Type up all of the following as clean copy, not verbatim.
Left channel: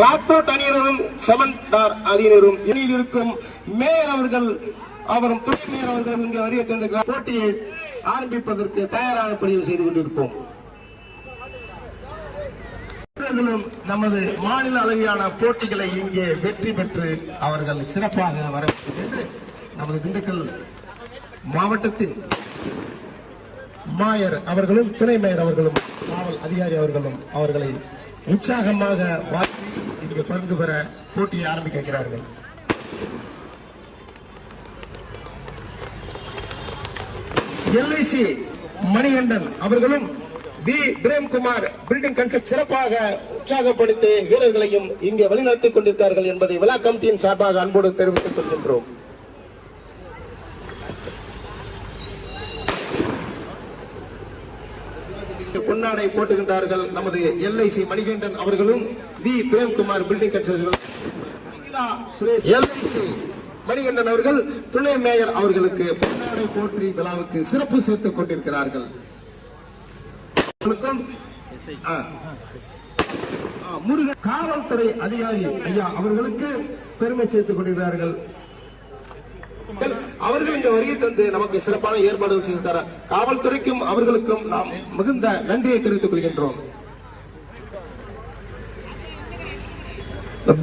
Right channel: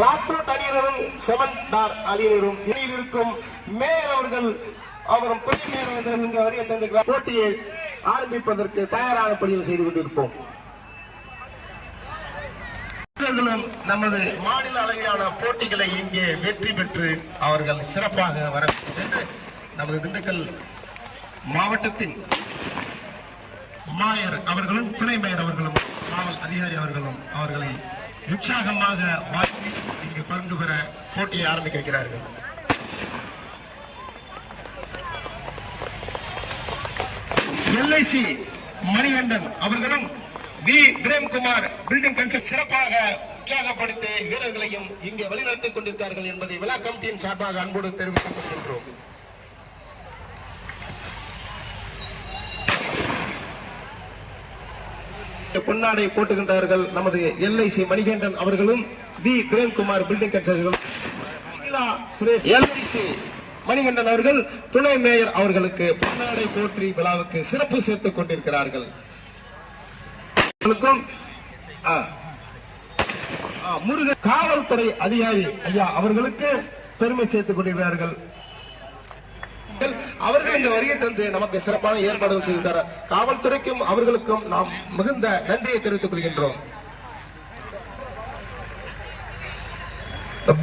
ராத்தோட் அணியினரும் சமன்டார் அணியினரும் இடையில் இருக்கும் மேயர் அவர்கள் அவரும் துணை மேயர் அவர்கள் இங்கே வருகை தந்திருக்கிறார். போட்டியை ஆரம்பிப்பதற்கு தயாரான பணியை செய்து கொண்டிருப்போம். நமது மாநில அளவிலான போட்டிகளை இங்கே வெற்றி பெற்று அவர்கள் சிறப்பாக வரவேற்கிறது. நமது திண்டுக்கல் மாவட்டத்தின் மேயர் அவர்களும் துணை மேயர் அவர்களும் காவல் அதிகாரி அவர்களும் அவர்களை உற்சாகமாக வாழ்த்தி இங்கு பங்கு பெற போட்டியை ஆரம்பிக்க வைக்கிறார்கள். LIC மணிகண்டன் அவர்களும் வி பிரேம்குமார் பில்டிங் கன்ஸ்ட்ரக்ட் சிறப்பாக உற்சாகப்படுத்தி வீரர்களையும் இங்கே வழிநடத்திக் கொண்டிருக்கிறார்கள் என்பதை விழா கமிட்டியின் சார்பாக அன்போடு தெரிவித்துக் கொள்கின்றோம். பொன்னாடை போட்டுகின்றார்கள் நமது LIC மணிகண்டன் அவர்களும் V Premkumar building construct Suresh LIC Manikandan அவர்கள் துணை மேயர் அவர்களுக்கு பொன்னாடை போற்றி விழாவுக்கு சிறப்பு சேர்த்துக் கொண்டிருக்கிறார்கள். முருகன் காவல்துறை அதிகாரி ஐயா அவர்களுக்கு பெருமை சேர்த்துக் கொண்டிருக்கிறார்கள். அவர்கள் இந்த வருகை தந்து நமக்கு சிறப்பான ஏற்பாடுகள் செய்திருக்கிறார். காவல்துறைக்கும் அவர்களுக்கும் நாம் மிகுந்த நன்றியை தெரிவித்துக் கொள்கின்றோம்.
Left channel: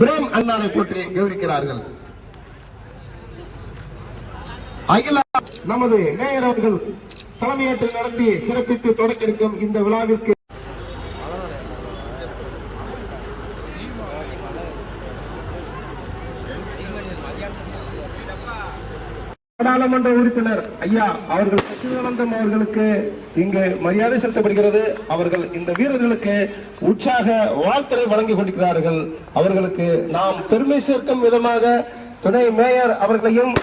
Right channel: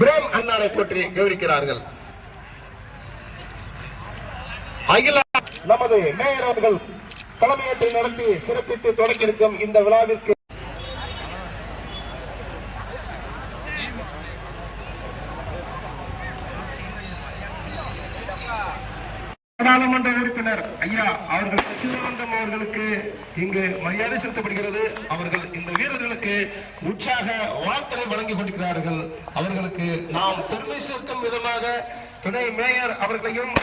பிரேம் அண்ணாவை போற்றி கௌரவிக்கிறார்கள். அகில நமது மேயர் அவர்கள் தலைமையேற்று நடத்தி சிறப்பித்து தொடக்க இருக்கும் இந்த விழாவிற்கு நாடாளுமன்ற உறுப்பினர் ஐயா அவர்கள் சச்சிதானந்தம் அவர்களுக்கு இங்கு மரியாதை செலுத்தப்படுகிறது. அவர்கள் இந்த வீரர்களுக்கு உற்சாக வாழ்த்துரை வழங்கிக் கொண்டிருக்கிறார்கள். அவர்களுக்கு நாம் பெருமை சேர்க்கும் விதமாக துணை மேயர் அவர்களையும்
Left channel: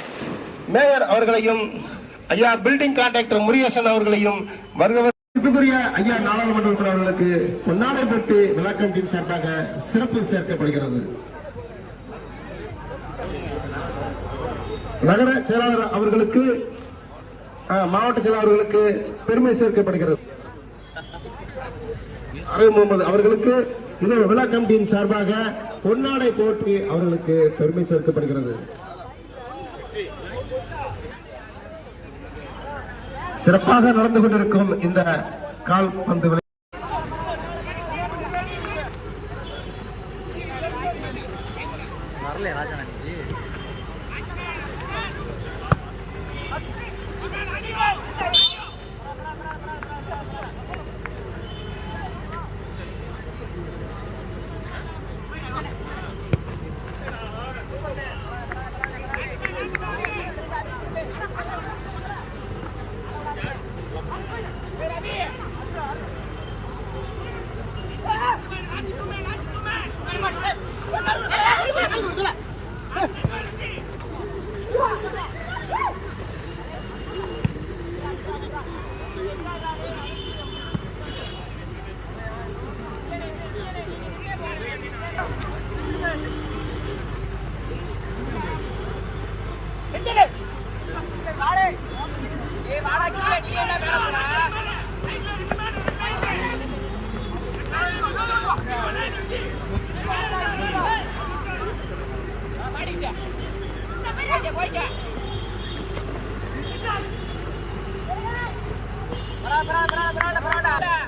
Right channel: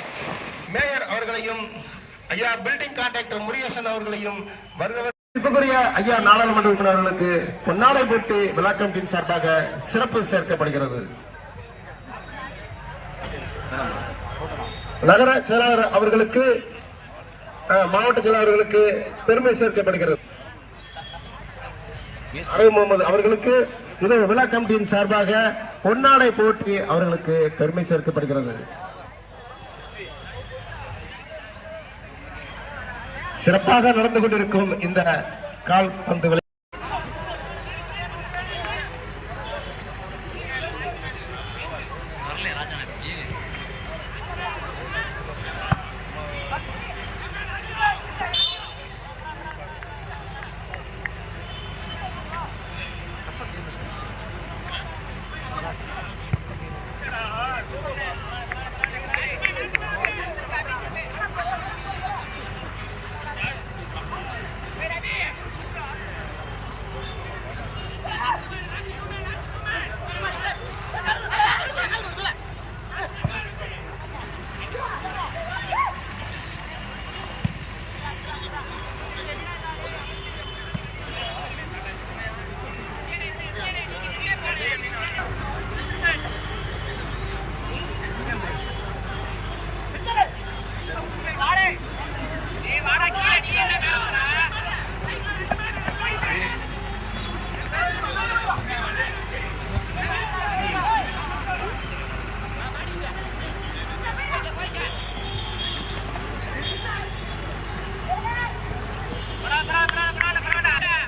ஐயா பில்டிங் கான்ட்ராக்டர் முருகேசன் அவர்களையும் வருகிறவர்களுக்குரிய ஐயா நாடாளுமன்ற உறுப்பினர் அவர்களுக்கு பொன்னாடை போட்டு விழா கமிட்டியின் சார்பாக சிறப்பு சேர்க்கப்படுகிறது. நகர செயலாளர் அவர்களுக்கு மாவட்ட செயலாளர்களுக்கு பெருமை சேர்க்கப்படுகிறது. அரை முகமது அவர்களுக்கு இது விழா கமிட்டியின் சார்பாக பொன்னாடை போற்றி அவர்களுக்கு பெருமை சேர்க்கப்படுகிறது. சிறப்பாக நடந்து கொண்டிருக்கும் இந்த கால்பந்து விளையாட்டு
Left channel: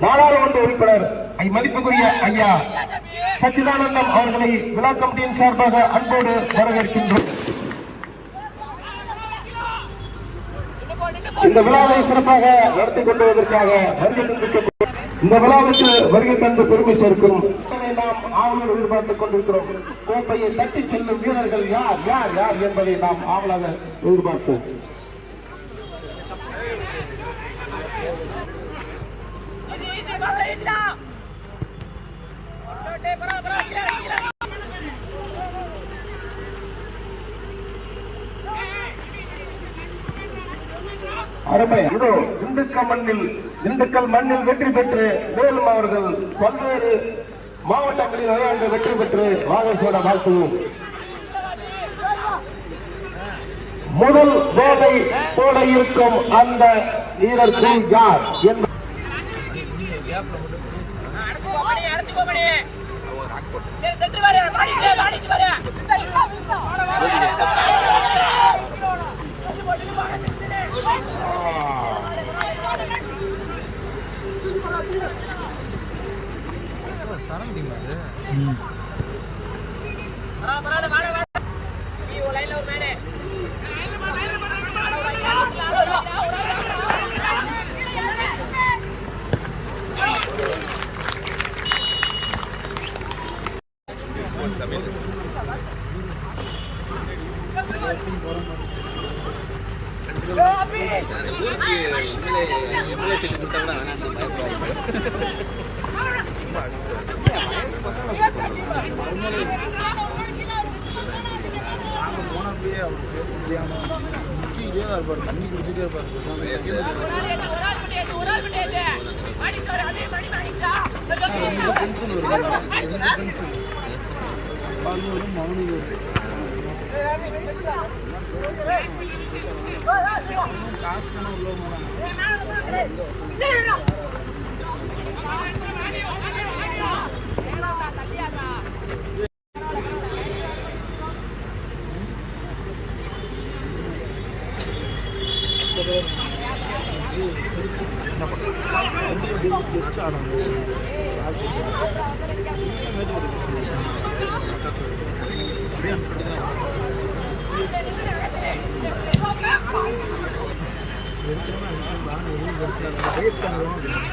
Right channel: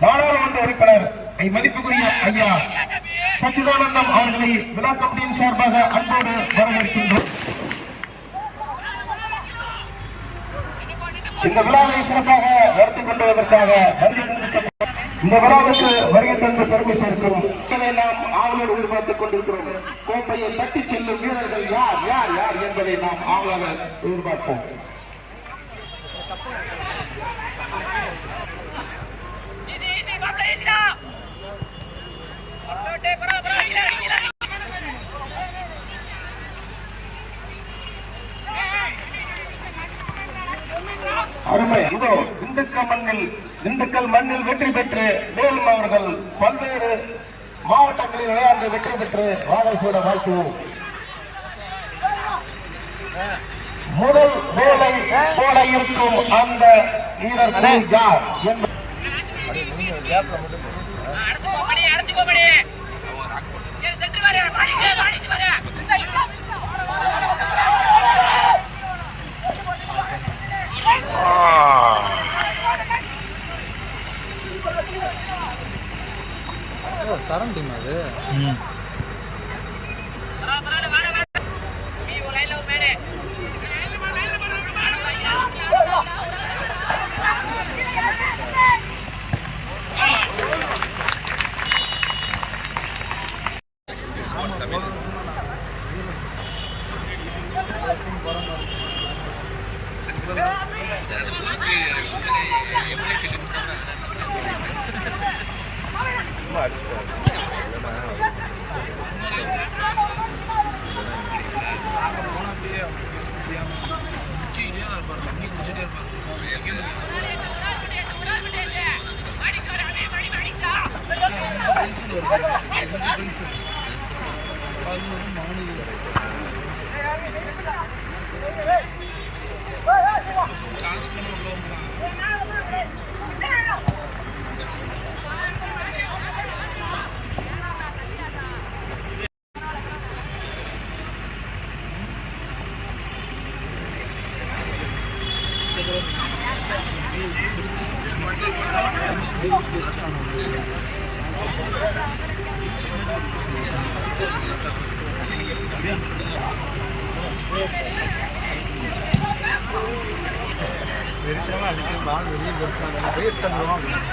நாடாளுமன்ற உறுப்பினர் மதிப்புக்குரிய ஐயா சச்சிதானந்தம் அவர்களை விழா கமிட்டியின் சார்பாக அன்போடு வரவேற்கின்றோம். இந்த விழாவை சிறப்பாக நடத்தி கொண்டு வருவதற்காக வருகை தந்திருக்கும் இந்த விழாவுக்கு வருகை தந்து பெருமை சேர்க்கும் நாம் ஆவலோடு எதிர்பார்த்துக் கொண்டிருக்கிறோம். கோப்பையை தட்டி செல்லும் வீரர்கள் யார் யார் யார் என்பதை நாம் ஆவலாக எதிர்பார்ப்போம். அருமை. இதோ திண்டுக்கல் மண்ணில் வெற்றி பெற்று மேலும் அவர்கள் பல்வேறு மாவட்டங்களில் விளையாண்டு வெற்றி பெற்று வாகசோட வாழ்த்துவோம். முதல் வேகை போட இருக்கும் அந்த வீரர் யார் என்று அடிச்சு சரௌண்டிங் அது. நாங்கள் போனப்பயே அவர் பேச முடியாமல் முக்கியிலே இருப்பார், தண்ணி குடிச்சிட்டே இருப்பார். செகண்ட் டென்ஷன் வருது, டென்ஷன் அது மவுனு காசு பண்ண உள்ளவங்க தான். பிடிச்சி ஜஸ்ட் அப்படியே வெறித்தனமாக அடிச்சு பால் வெளியே வெயிட் தந்துடுவோம் அப்படின்னு.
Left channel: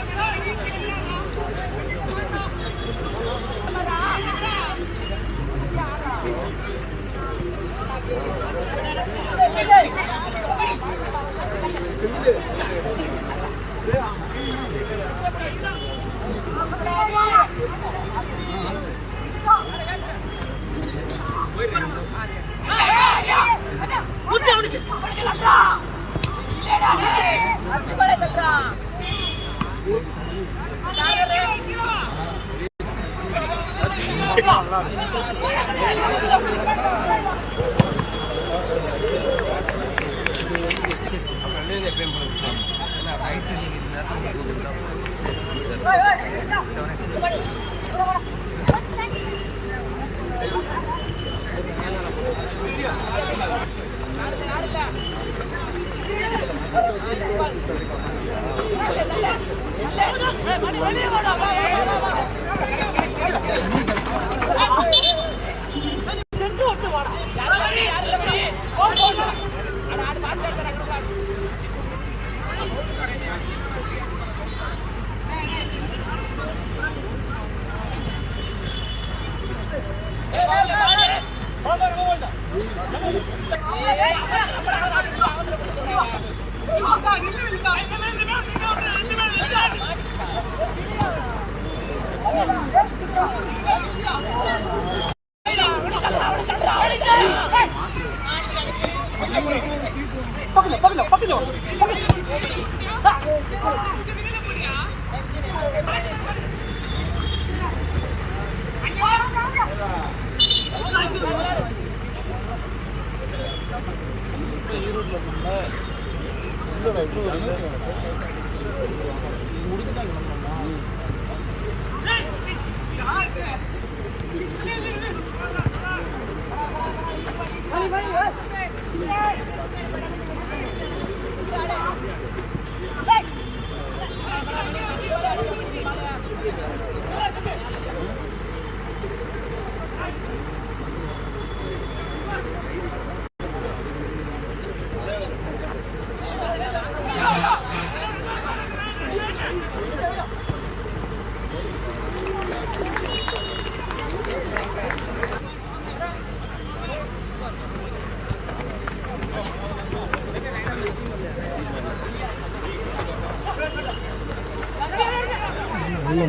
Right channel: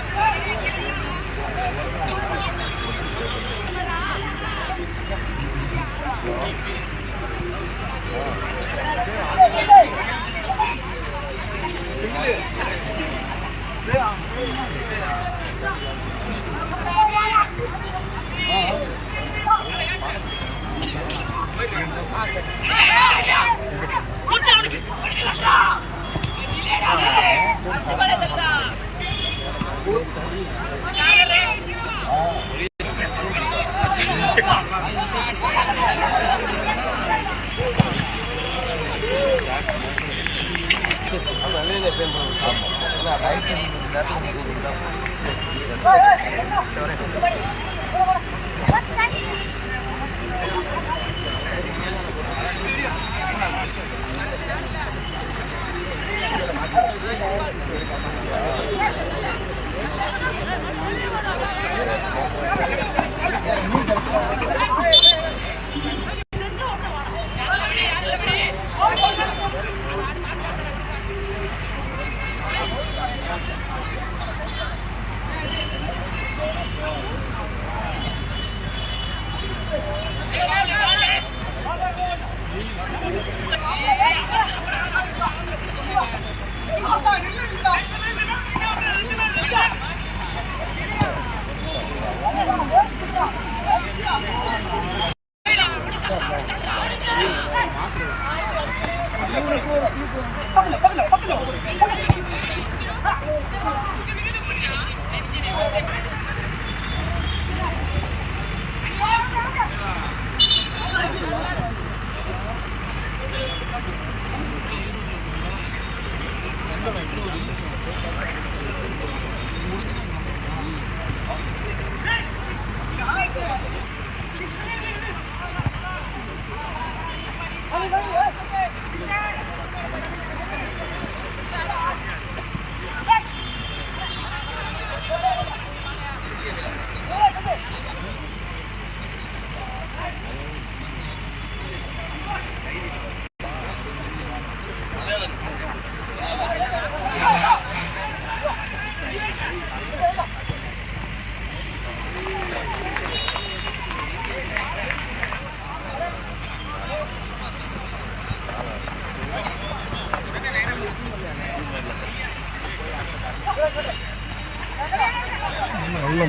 நல்ல